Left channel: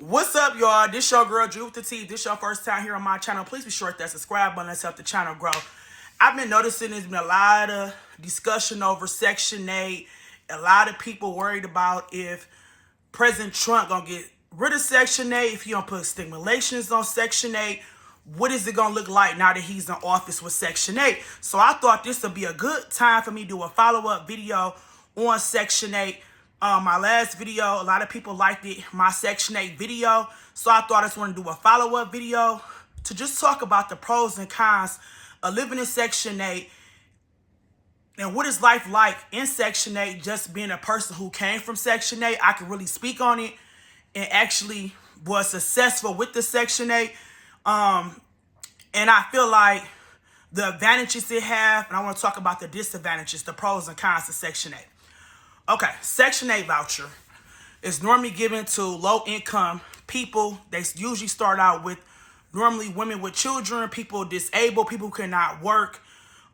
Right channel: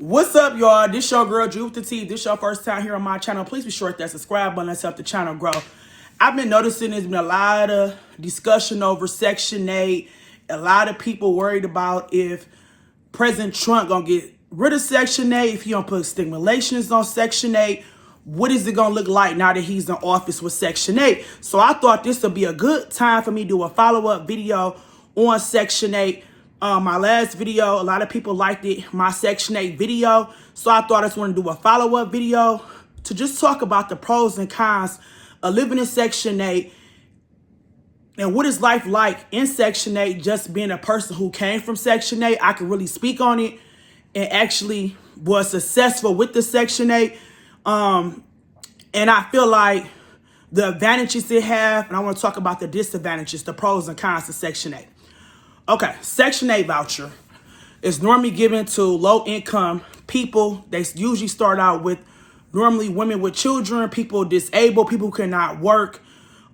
What's up, y'all? This your girl, Drew with the T. This your first time here on my channel. Please be sure to hit that subscribe button. Let's help the channel grow. I've been noticing there's been a lot of discussion over Section 8. A lot of people worried about if President Trump gonna get rid of Section 8, if he don't put stimulations on Section 8. What is it gonna look like now that he's in office with Section 8? So I thought this would be a good time for me to do a follow-up video on Section 8. My last video, a lot of people liked it, my Section 8 video. So I thought I just want to do a follow-up video to just talk about the pros and cons of living in Section 8 and what is life like in Section 8, just being a person who came from Section 8. I can really speak on it and actually was successful with the Section 8. And I feel like the advantages it have, and I want to talk about the disadvantages, the pros and cons of Section 8. Okay, Section 8 voucher is normally given to low-income people. They usually start out with normally women with children, people disabled, people who cannot work,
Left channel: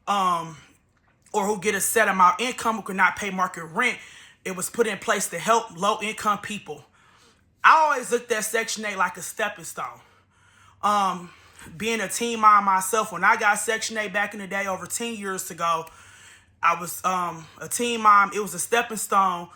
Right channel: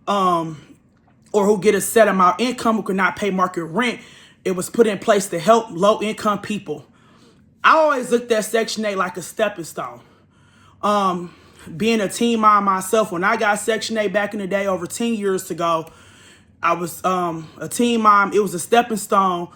or who get a set amount of income, who cannot pay market rent. It was put in place to help low-income people. I always looked at Section 8 like a stepping stone. Being a teen mom myself, when I got Section 8 back in the day over 10 years ago, I was a teen mom. It was a stepping stone,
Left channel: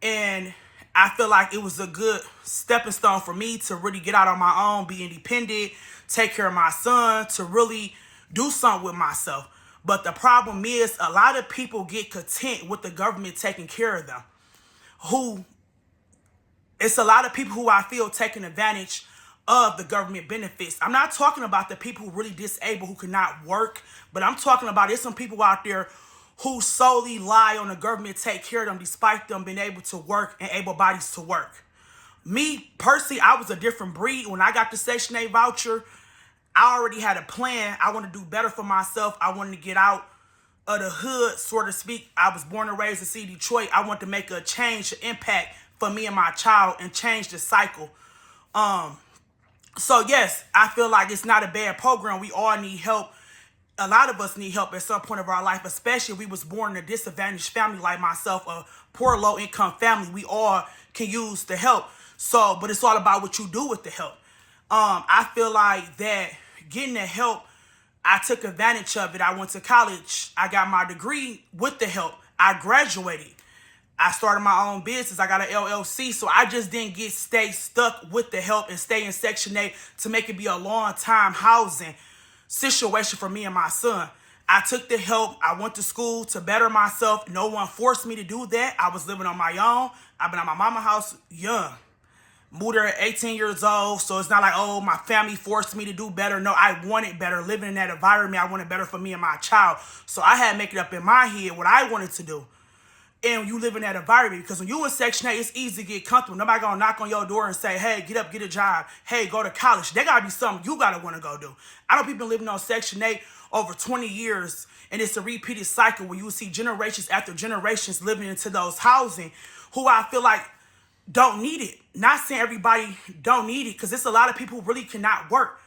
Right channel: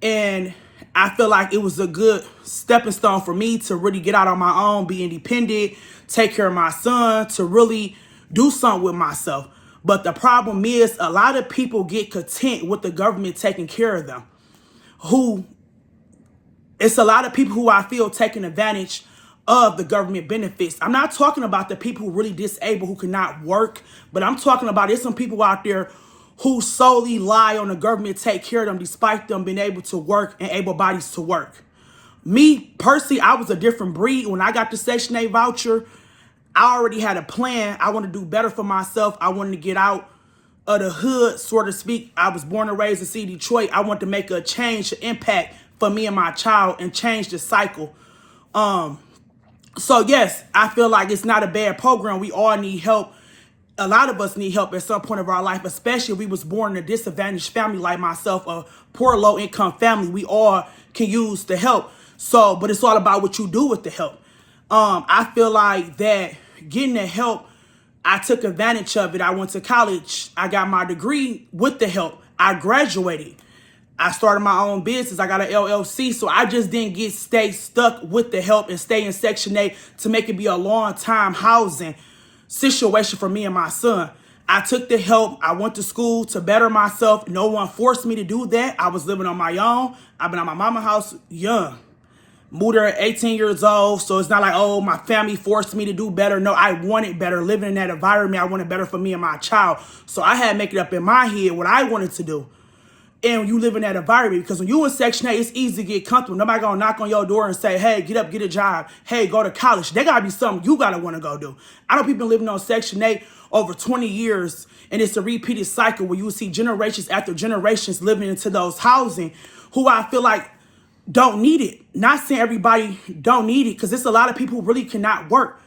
and I feel like it was a good stepping stone for me to really get out on my own, be independent, take care of my son, to really do something with myself. But the problem is a lot of people get content with the government taking care of them. It's a lot of people who I feel taking advantage of the government benefits. I'm not talking about the people who really disabled, who cannot work, but I'm talking about there's some people out there who solely rely on the government to take care of them despite them being able to work and able bodies to work. Me, personally, I was a different breed. When I got the Section 8 voucher, I already had a plan. I wanted to do better for myself. I wanted to get out of the hood, so to speak. I was born and raised in C, Detroit. I wanted to make a change, an impact for me and my child and change the cycle. So yes, I feel like it's not a bad program. We all need help. A lot of us need help at some point of our life, especially if we was born in a disadvantaged family like myself, a poor low-income family. We all can use the help. So, but it's all about what you do with the help. I feel like that getting the help, I took advantage of it. I went to college. I got my degree with the help. I graduated. I started my own business. I got an LLC. So I just didn't stay stuck with the help and stay in Section 8 to make it be a long-time housing situation for me and my son. I took the help. I went to school to better myself. No one forced me to do that. I was living on my own. I've been at my mama's house young. Moved there at 18 years old. So it's not like, oh, my family forced me to do better. No, I wanted better. Living in that environment, I wanted better for me and my child. So I had to make it up in my head what I wanted to do. And you live in that environment, because when you in Section 8, it's easy to get comfortable. Nobody gonna knock on your door and say, hey, get up, get a job. Hey, go to college. There gotta be something you gotta wanna go do. I know people living on Section 8 over 20 years, and it's a repeated cycle where you see generations after generations living into those housing who I feel like don't need it. Not saying everybody don't need it, because there's a lot of people who really cannot work.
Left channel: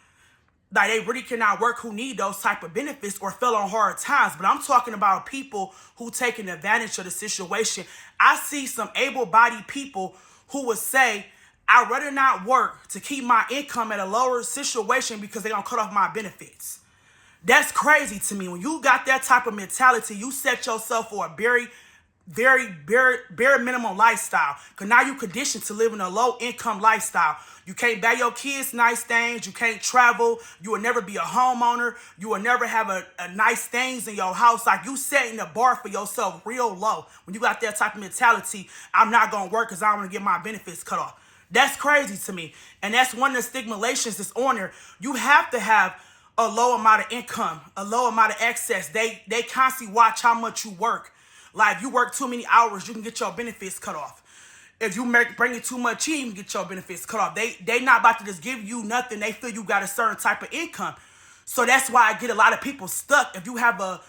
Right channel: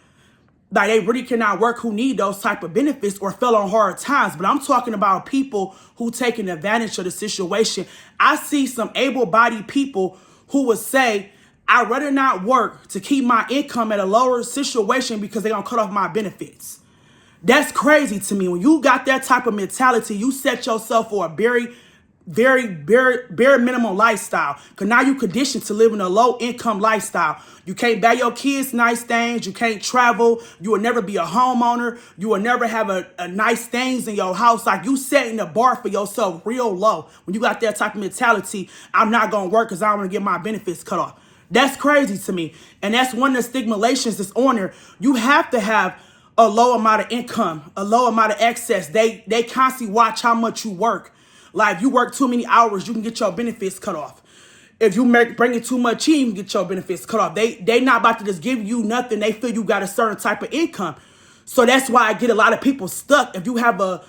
Like, they really cannot work, who need those type of benefits or fell on hard times. But I'm talking about people who taking advantage of the situation. I see some able-bodied people who would say, I'd rather not work to keep my income at a lower situation because they're going to cut off my benefits. That's crazy to me. When you got that type of mentality, you set yourself for a very bare minimum lifestyle. Because now you conditioned to live in a low income lifestyle. You can't buy your kids nice things. You can't travel. You will never be a homeowner. You will never have a nice things in your house. Like, you setting the bar for yourself real low. When you got that type of mentality, I'm not going to work because I don't want to get my benefits cut off. That's crazy to me. And that's one of the stigmatizations that's on there. You have to have a low amount of income, a low amount of excess. They constantly watch how much you work. Like, you work too many hours, you can get your benefits cut off. If you bring in too much in, you can get your benefits cut off. They not about to just give you nothing. They feel you got a certain type of income. So that's why I get a lot of people stuck. If you have a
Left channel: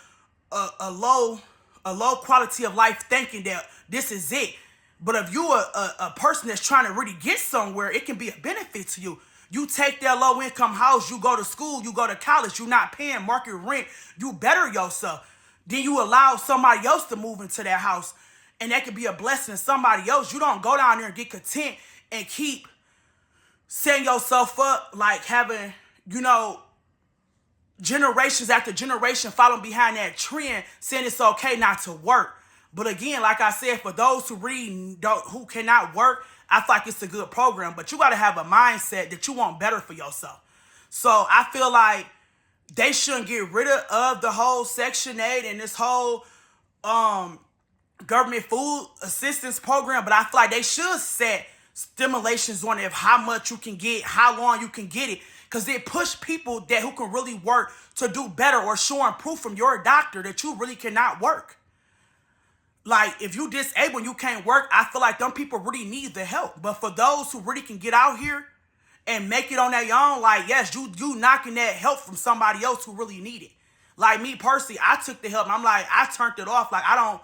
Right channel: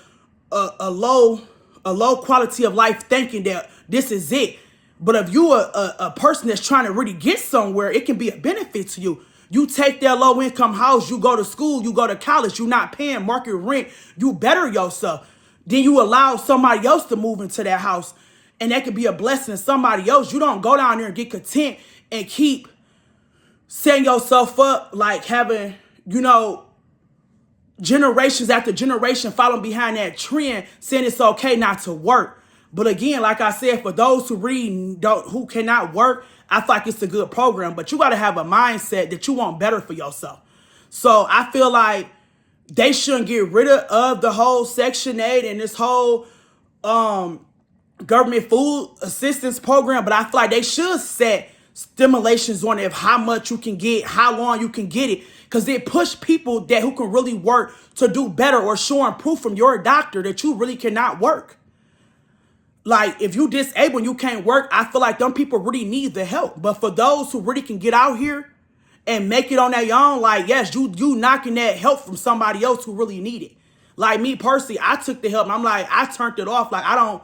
low quality of life thinking that this is it. But if you a person that's trying to really get somewhere, it can be a benefit to you. You take that low income house, you go to school, you go to college, you're not paying market rent, you better yourself. Then you allow somebody else to move into that house, and that could be a blessing to somebody else. You don't go down there and get content and keep setting yourself up, like having, you know, generations after generation following behind that trend, saying it's okay not to work. But again, like I said, for those who who cannot work, I feel like it's a good program. But you got to have a mindset that you want better for yourself. So I feel like they shouldn't get rid of the whole Section 8 and this whole government food assistance program. But I feel like they should set stimulations on it of how much you can get, how long you can get it. Because it push people who can really work to do better, or showing proof from your doctor that you really cannot work. Like, if you disabled and you can't work, I feel like them people really need the help. But for those who really can get out here and make it on their own, like, yes, you knocking that help from somebody else who really need it. Like me personally, I took the help and I'm like, I turned it off. Like, I don't,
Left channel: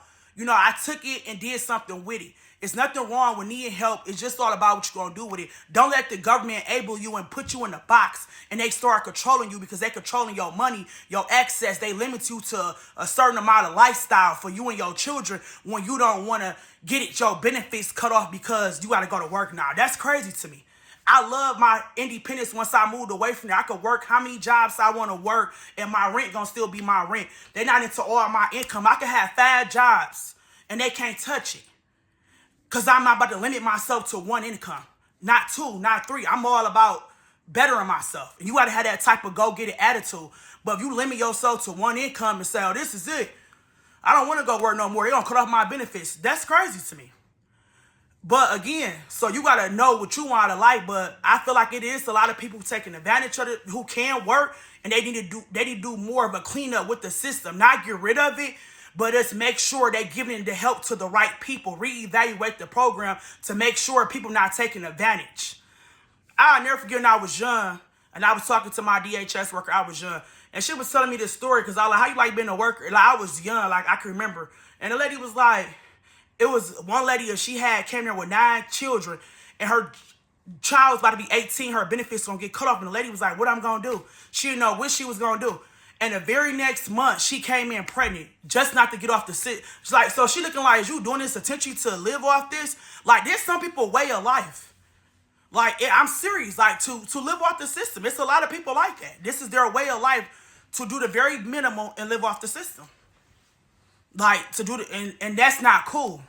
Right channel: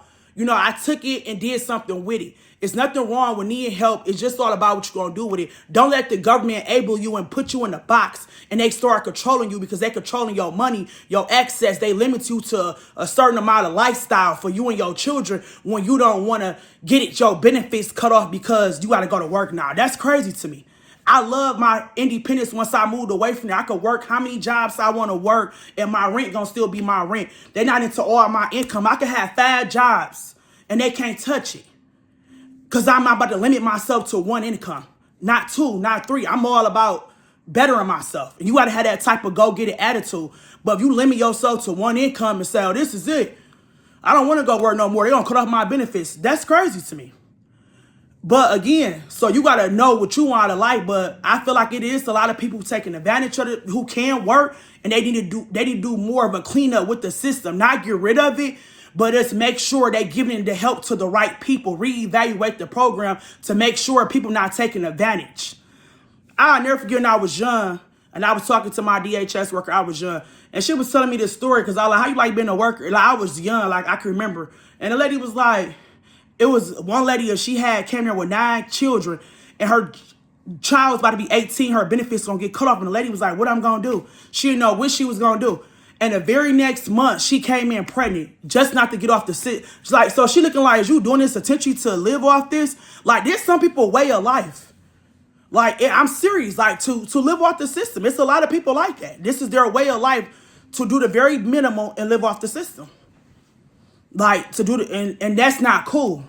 I took it and did something with it. It's nothing wrong with needing help. It's just all about what you're going to do with it. Don't let the government enable you and put you in a box and they start controlling you, because they're controlling your money, your access. They limit you to a certain amount of lifestyle for you and your children when you don't want to get your benefits cut off because you got to go to work now. That's crazy to me. I love my independence. Once I moved away from there, I could work how many jobs I want to work and my rent going to still be my rent. They're not into all my income. I could have 5 jobs and they can't touch it. Because I'm not about to limit myself to one income, not 2, not 3. I'm all about bettering myself. And you got to have that type of go-get-it attitude. But if you limit yourself to one income and say, oh, this is it, I don't want to go work no more, they're going to cut off my benefits. That's crazy to me. But again, so you got to know what you want out of life. But I feel like it is a lot of people taking advantage of it who can work, and they need to do more of a cleanup with the system, not get rid of it, but just make sure they're giving the help to the right people, reevaluate the program to make sure people not taking advantage. I'll never forget when I was young and I was talking to my DHS worker. I was young and she was telling me this story because I was like, how you like being a worker? Like, I was young, like I can remember. And the lady was like, it was one lady, she came here with 9 children and her child was about to be 18. Her benefits going to get cut off. And the lady was like, what I'm going to do? She didn't know what she was going to do. And the very next month, she came in pregnant, just not to get off the sit. She's like, so she looking like, is you doing this attention to live off this? Like, there's some people way of life. Like, I'm serious, like, to live off the system. It's a lot of people like that. This is their way of life, to do the very minimal and live off the system. Like, to do the, and that's not cool.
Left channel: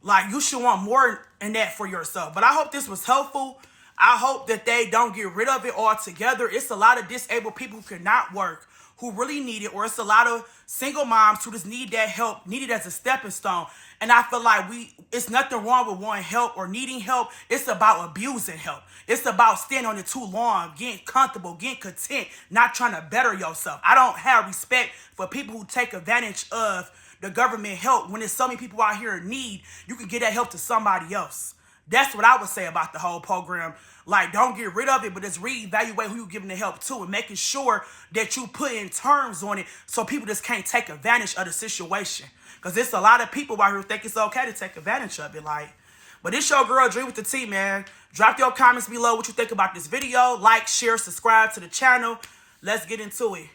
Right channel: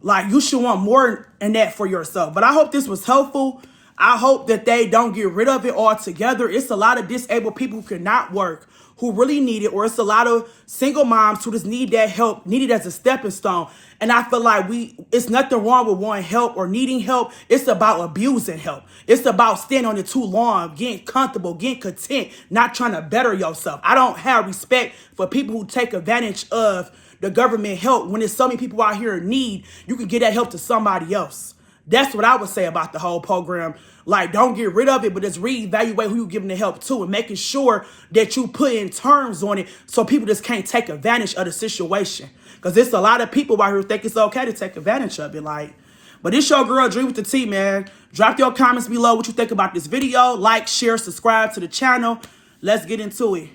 Like, you should want more than that for yourself. But I hope this was helpful. I hope that they don't get rid of it altogether. It's a lot of disabled people who cannot work, who really need it, or it's a lot of single moms who just need that help, need it as a stepping stone. And I feel like it's nothing wrong with wanting help or needing help. It's about abusing help. It's about staying on it too long, getting comfortable, getting content, not trying to better yourself. I don't have respect for people who take advantage of the government help when there's so many people out here in need. You can get that help to somebody else. That's what I would say about the whole program. Like, don't get rid of it, but just reevaluate who you're giving the help to and making sure that you put in terms on it so people just can't take advantage of the situation. Because there's a lot of people out here who think it's okay to take advantage of it. Like, but it's your girl, Dree with the T, man. Drop your comments below what you think about this video. Like, share, subscribe to the channel. Let's get into it.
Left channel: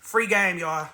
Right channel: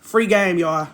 Free game, y'all.